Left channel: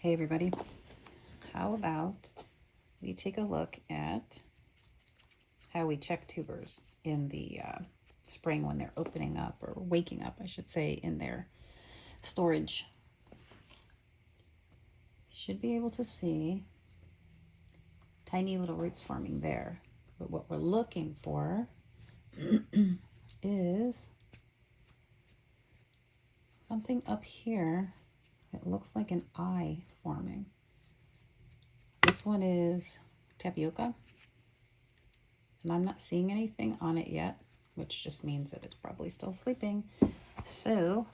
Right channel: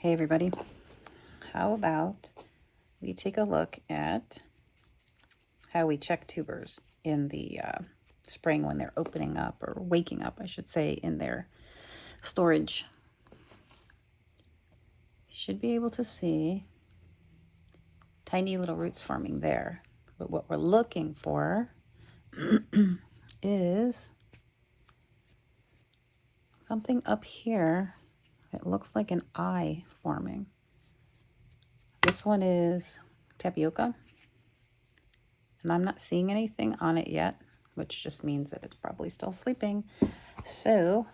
Hey everybody, how about we take a look at how we check tubers in the spring when they're opening up, or waking up, I should say, in their storage. You should be able to see tiny little roots forming there. But what we're looking for is something up here. It looks like an eye forming. This one is tapioca, and I'm not seeing anything on it yet, which just means that it's probably still sleeping. So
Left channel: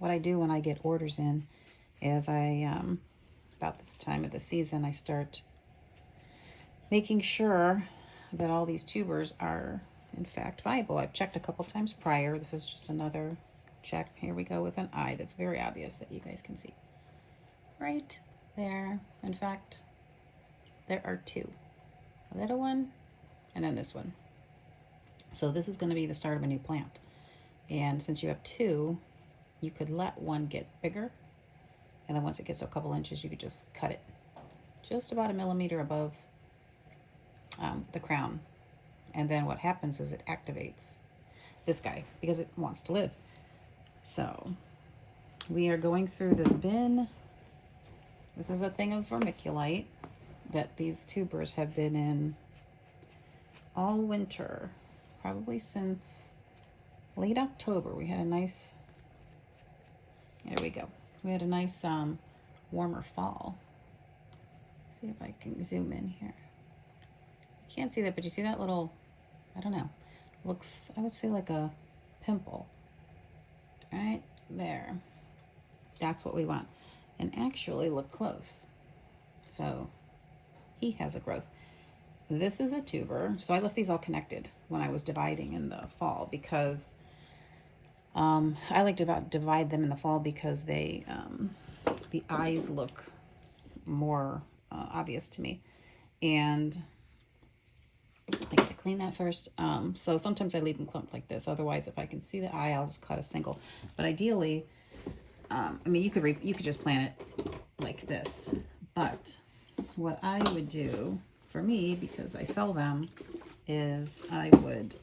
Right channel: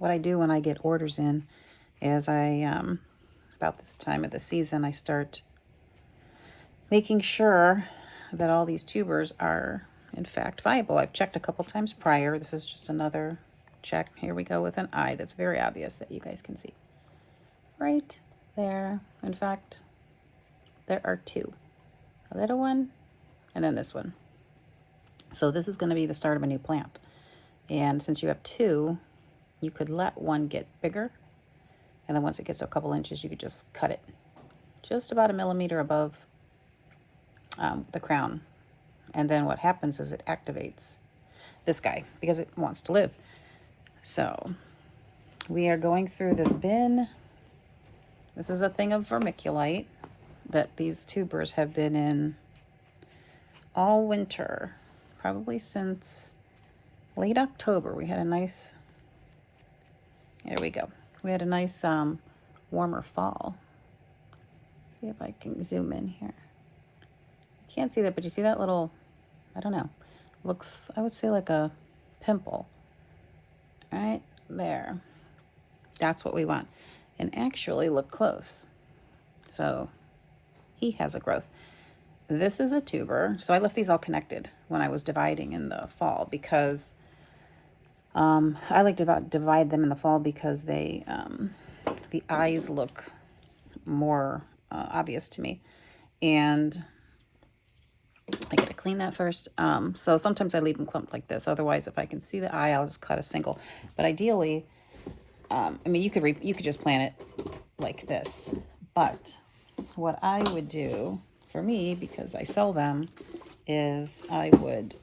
what I do when I get orders in is about this time of the season, I start making sure that all these tubers are in fact viable. I've checked a couple times prior. This is just another check. Here we go with an eye that's very obvious that you guys can see right there. In fact, there are two, a little one and then this one. So this is going to be the start of a new plant. And since you have two, you could let one get bigger, and then once it gets to a couple inches, you could just cut it just about a millimeter above the crown. And then what happens is it activates this guy because it wants to live. So we are going through this bin. This is a thing of vermiculite that these tubers have been in all winter, probably since late October. We had a nice, there we go. We had a nice warmer fall. See if I can zoom in here. Can't see that, but you see that little, I don't know, looks, I would say, like a pimple right there. That's what we want. And actually look close. So he has a growth. This is a tuber. So I left these all connected when I was dividing in the fall, because I like to divide them in the fall because they the eyes look more obvious to me. And I gotta clean that first. So sometimes I leave them clumped like this. Otherwise, if I can see the eye, I'll just cut a single. But ideally, I mean, you could just plant it like this. But what I would do for me, because I sell them, is I would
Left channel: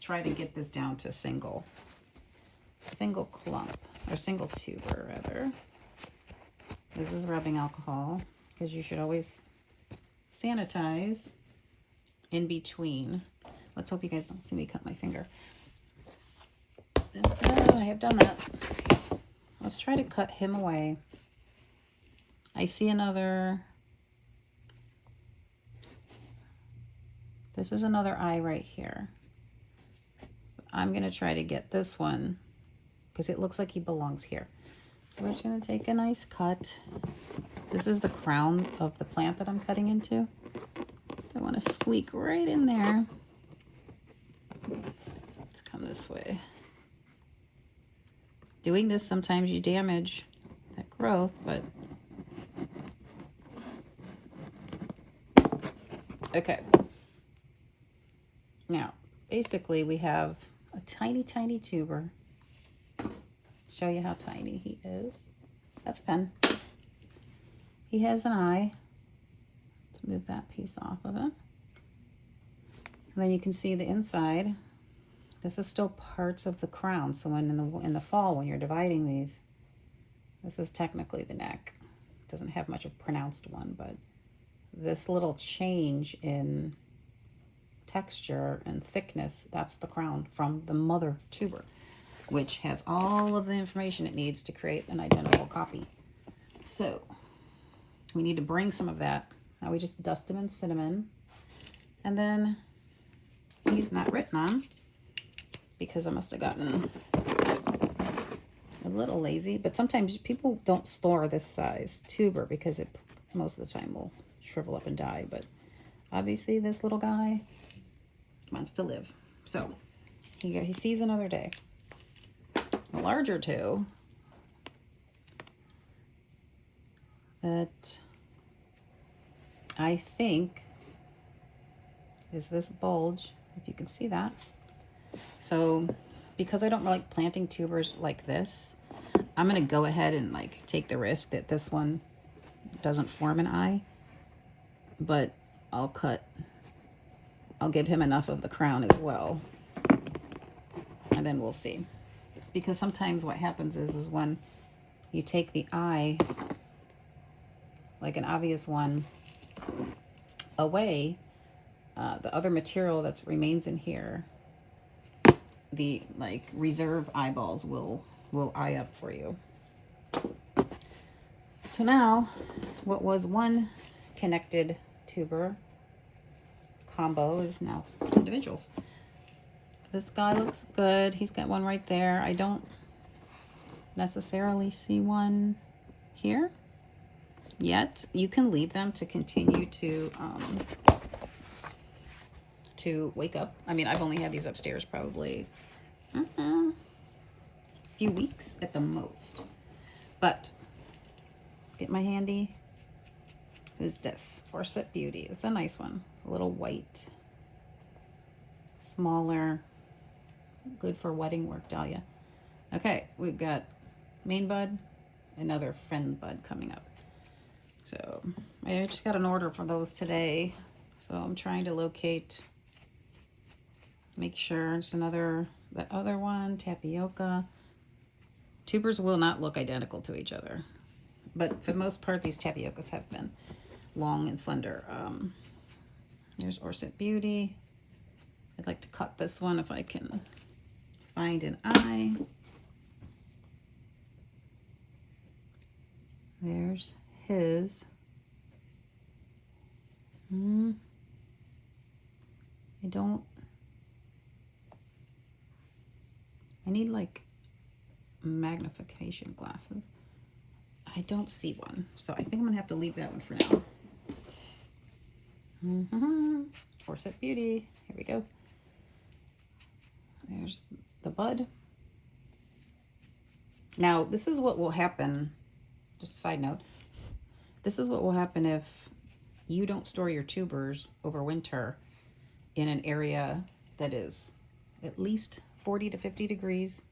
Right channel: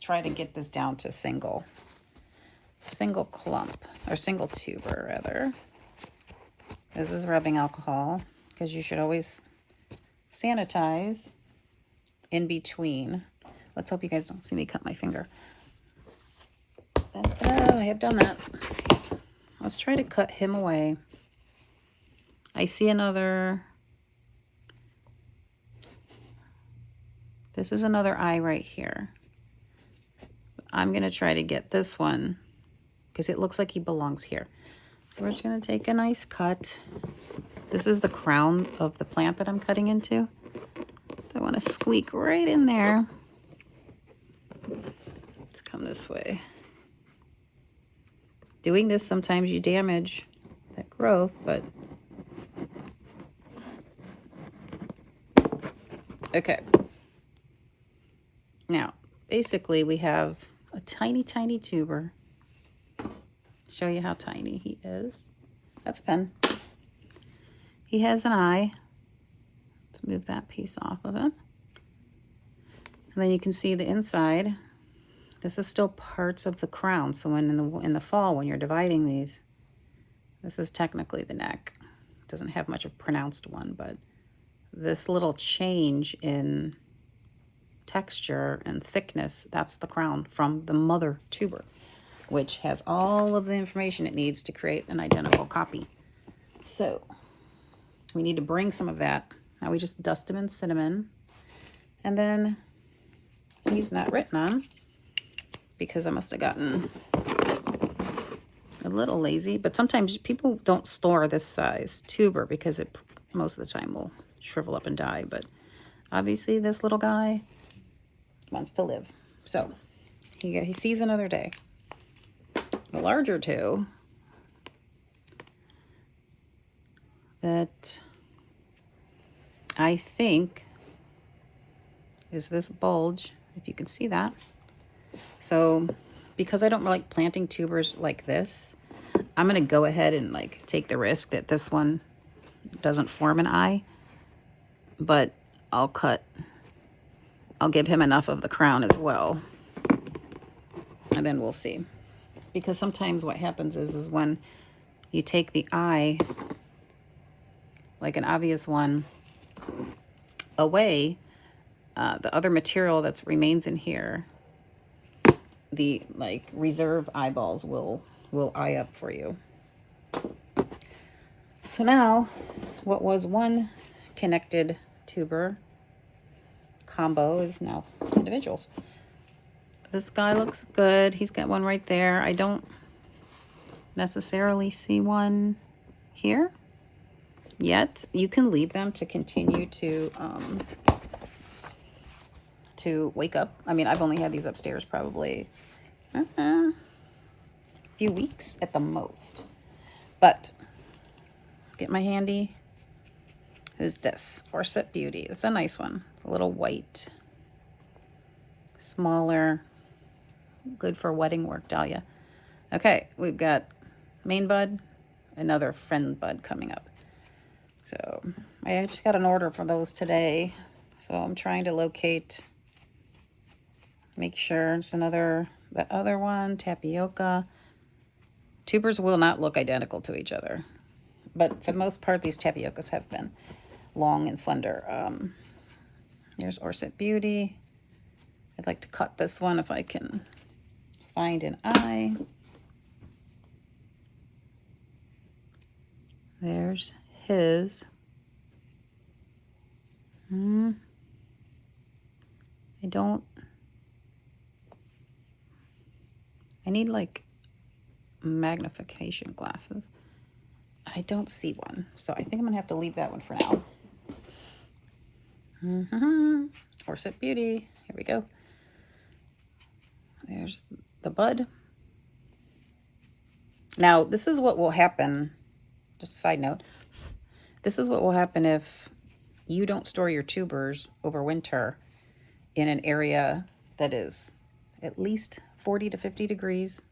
try to get this down to single clump, or single tuber rather. This is rubbing alcohol, because you should always sanitize in between. Let's hope you guys don't see me cut my finger. I have done that. Let's try to cut him away. I see another. This is another eye right here. I'm going to try to get this one because it looks like he belongs here. So we're just going to take a nice cut. This is the crown of the plant that I'm cutting into. I want to squeak right in there. Let's come this way. Doing this, sometimes you damage that growth, but okay. Now, basically we have a tiny, tiny tuber. Show you how tiny he is. That's a pen. He has an eye. Let's move that piece off of him. And then you can see the inside. This is still parts of the crown. So when in the fall, when you're dividing these, this is technically the neck. It doesn't have much of a pronounced one, but this little change in texture and thickness, that's the crown from the mother tuber, which has all of the information it needs to create an identical copy. So we need to bring some of that. Now we just dust them in cinnamon, and then he's not written on because I must have gotten a little lazy. But sometimes people don't store this size tuber because it most of the time will shrivel up and die. But obviously this little guy wants to live, so he sees another day. The larger two that I think is this bulge, if you can see that. So because I don't like planting tubers like this, I'm going to go ahead and like take the risk that this one doesn't form an eye, but I'll give him enough of the crown as well. And then we'll see. Because sometimes what happens is when you take the eye, like an obvious one, away, the other material that remains in here, the like reserve eyeballs will eye up for you. So now, what was one connected tuber combo is now individuals. This guy looks good. He's got one right there. I don't necessarily see one here yet. You can leave them to continue to wake up. I mean, I've only had these upstairs probably a few weeks at the most. But get my handy. Who's this? Orset Beauty. It's a nice one. A little white, smaller, good for wedding work, Dahlia. Okay, we've got main bud, another friend bud coming up. So I just got an order for those today. So I'm trying to locate, make sure it's another, that other one, tapioca. Tubers will not look identical to each other, but for the most part, these tapiocas have been long and slender. Here's Orset Beauty. I'd like to cut this one if I can find an eye. There's his. I need like magnification glasses. I don't see one, so I think I'm gonna have to leave that one for now. Orset Beauty, here we go. There's the bud. Now, this is what will happen, just a side note, this is what will happen if you don't store your tubers over winter in an area that is at least 40 to 50 degrees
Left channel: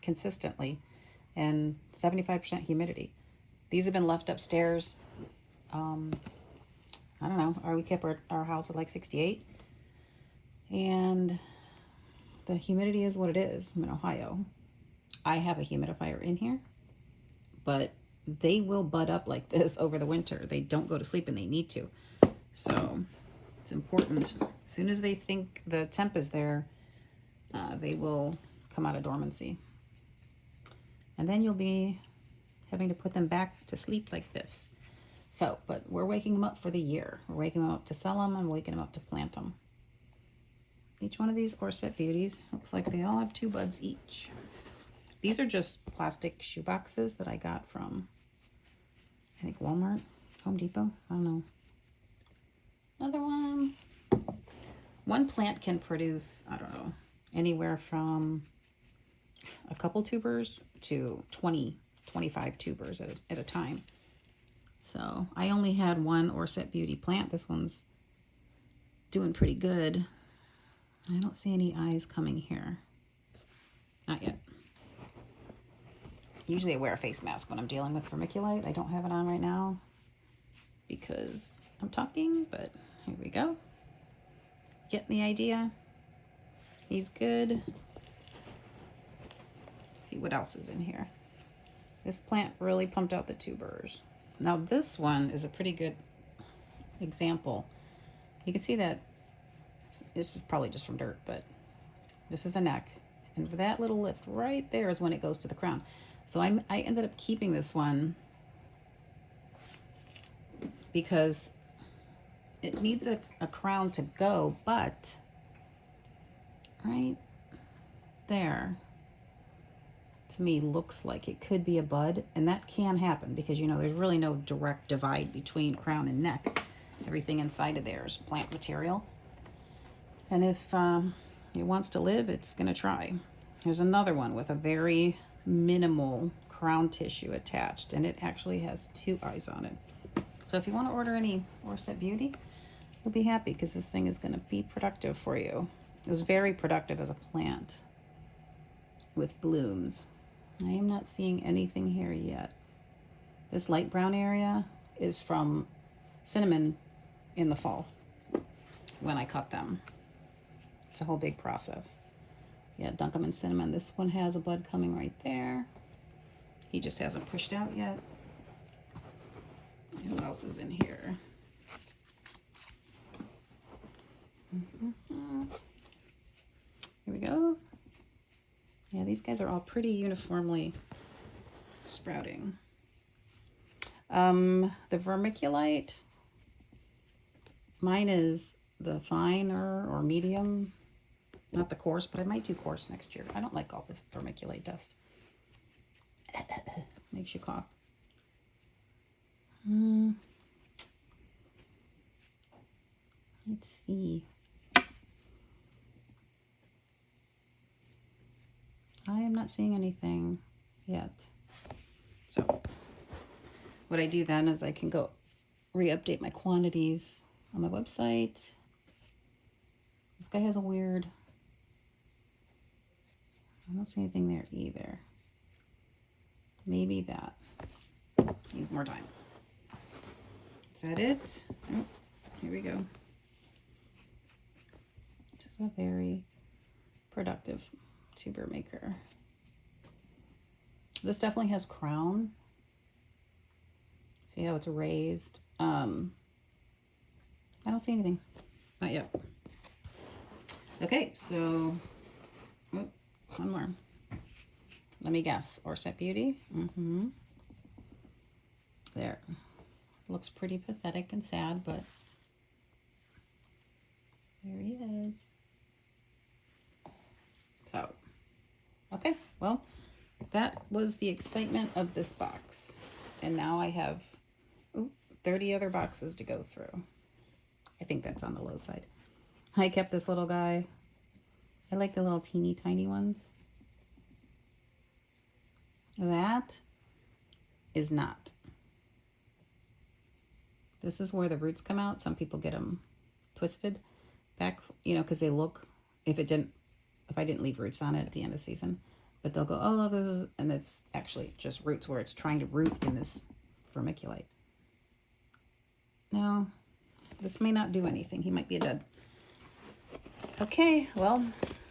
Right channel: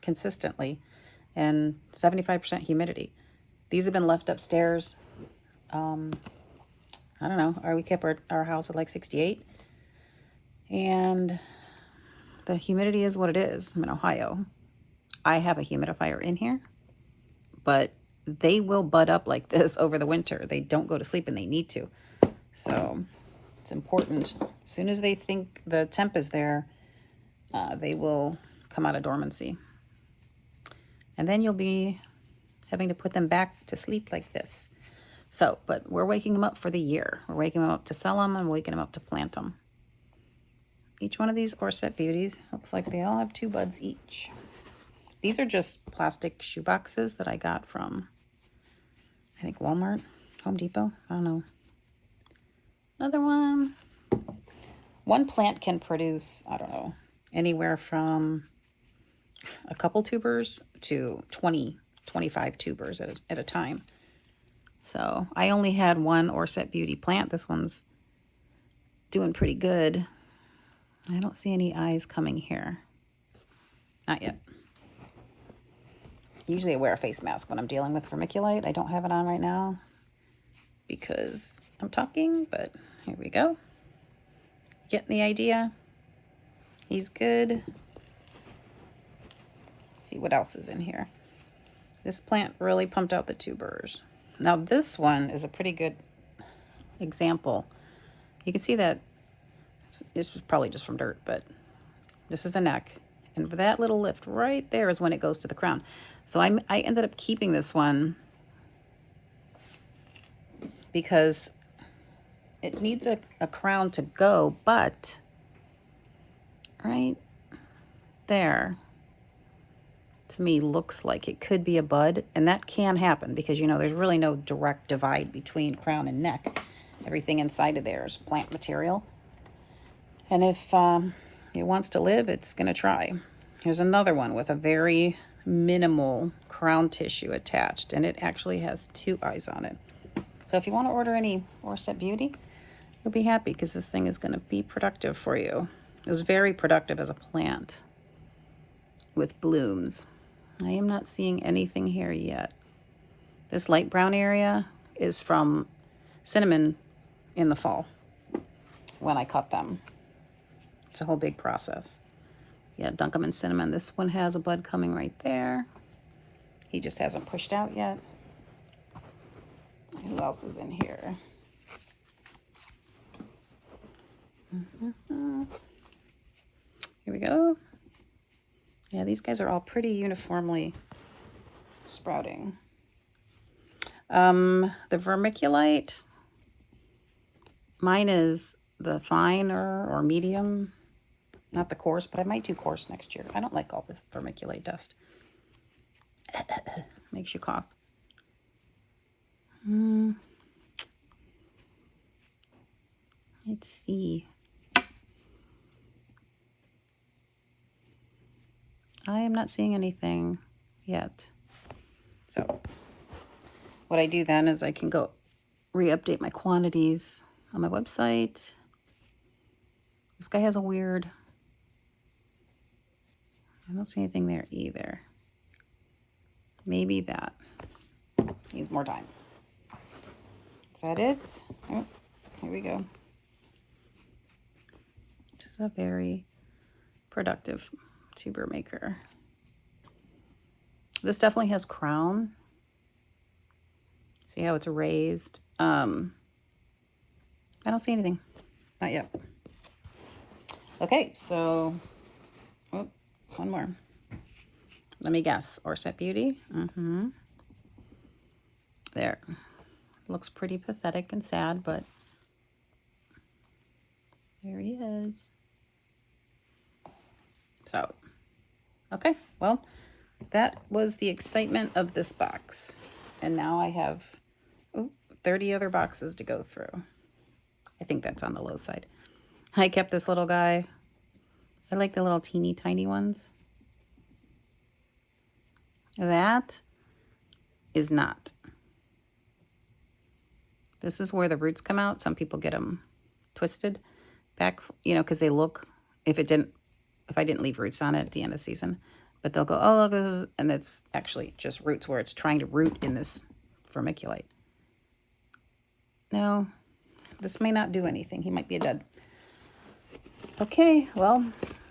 consistently and 75% humidity. These have been left upstairs. I don't know, we kept our house at like 68. And the humidity is what it is. I'm in Ohio. I have a humidifier in here, but they will bud up like this over the winter. They don't go to sleep and they need to. So it's important. As soon as they think the temp is there, they will come out of dormancy. And then you'll be having to put them back to sleep like this. So, but we're waking them up for the year. We're waking them up to sell them and waking them up to plant them. Each one of these Orset Beauties looks like they all have 2 buds each. These are just plastic shoe boxes that I got from, I think, Walmart, Home Depot. I don't know. Another one. One plant can produce, I don't know, anywhere from a couple tubers to 20, 25 tubers at a time. So I only had one Orset Beauty plant. This one's doing pretty good. I don't see any eyes coming here. Not yet. Usually I wear a face mask when I'm dealing with vermiculite. I don't have it on right now because I'm talking, but here we go. Getting the idea. He's good. Let's see what else is in here. This plant really pumped out the tubers. Now this one is a pretty good example. You can see that this was probably just from dirt, but this is a neck. And for that little lift right there is when it goes to the crown. So I ended up keeping this one because it needs a crown to go, but right there to me looks like it could be a bud, and that can happen because, you know, there's really no direct divide between crown and neck. Everything inside of there is plant material. And if it wants to live, it's going to try. Here's another one with a very minimal crown tissue attached, and it actually has 2 eyes on it. So if you want to order any Orset Beauty, you'll be happy because this thing is going to be productive for you. It was very productive as a plant with blooms. I am not seeing anything here yet. This light brown area is from cinnamon in the fall when I cut them. It's a whole big process. Yeah, dunk them in cinnamon. This one has a bud coming right there. He just hasn't pushed out yet. Who else is in here? Here we go. Yeah, these guys are all pretty uniformly sprouting. The vermiculite, mine is the fine or medium, not the coarse, but I might do coarse next year. I don't like all this vermiculite dust. Makes you cough. Let's see. I am not seeing anything yet. So what I do then is I can go re-update my quantities on my website. This guy has a weird, I don't see anything there either. Maybe that needs more time. Is that it? Oh, here we go. This is a very productive tuber maker. This definitely has crown. See how it's raised? I don't see anything. Not yet. Okay, so one more. Let me guess. Orset Beauty. There. Looks pretty pathetic and sad, but there he is. So, okay, well, that was the excitement of this box. And now I have 30 other boxes to go through. I think that's on the low side. I kept this little guy. I like the little teeny tiny ones. That is not. This is where the roots come out. Some people get them twisted back, you know, because they look, if I didn't leave roots on it at the end of the season, but they'll go, oh, look, this is, and it's actually just roots where it's trying to root in this vermiculite. No, this may not do anything. He might be a dud. Okay, well,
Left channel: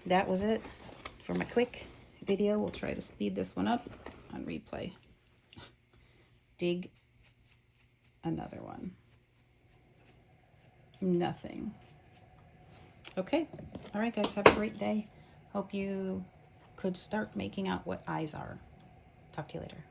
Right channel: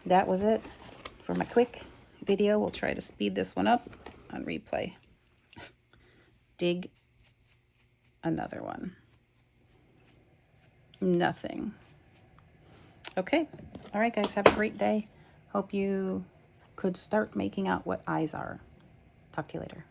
that was it for my quick video. We'll try to speed this one up on replay. Dig another one. Nothing. Okay. All right, guys. Have a great day. Hope you could start making out what eyes are. Talk to you later.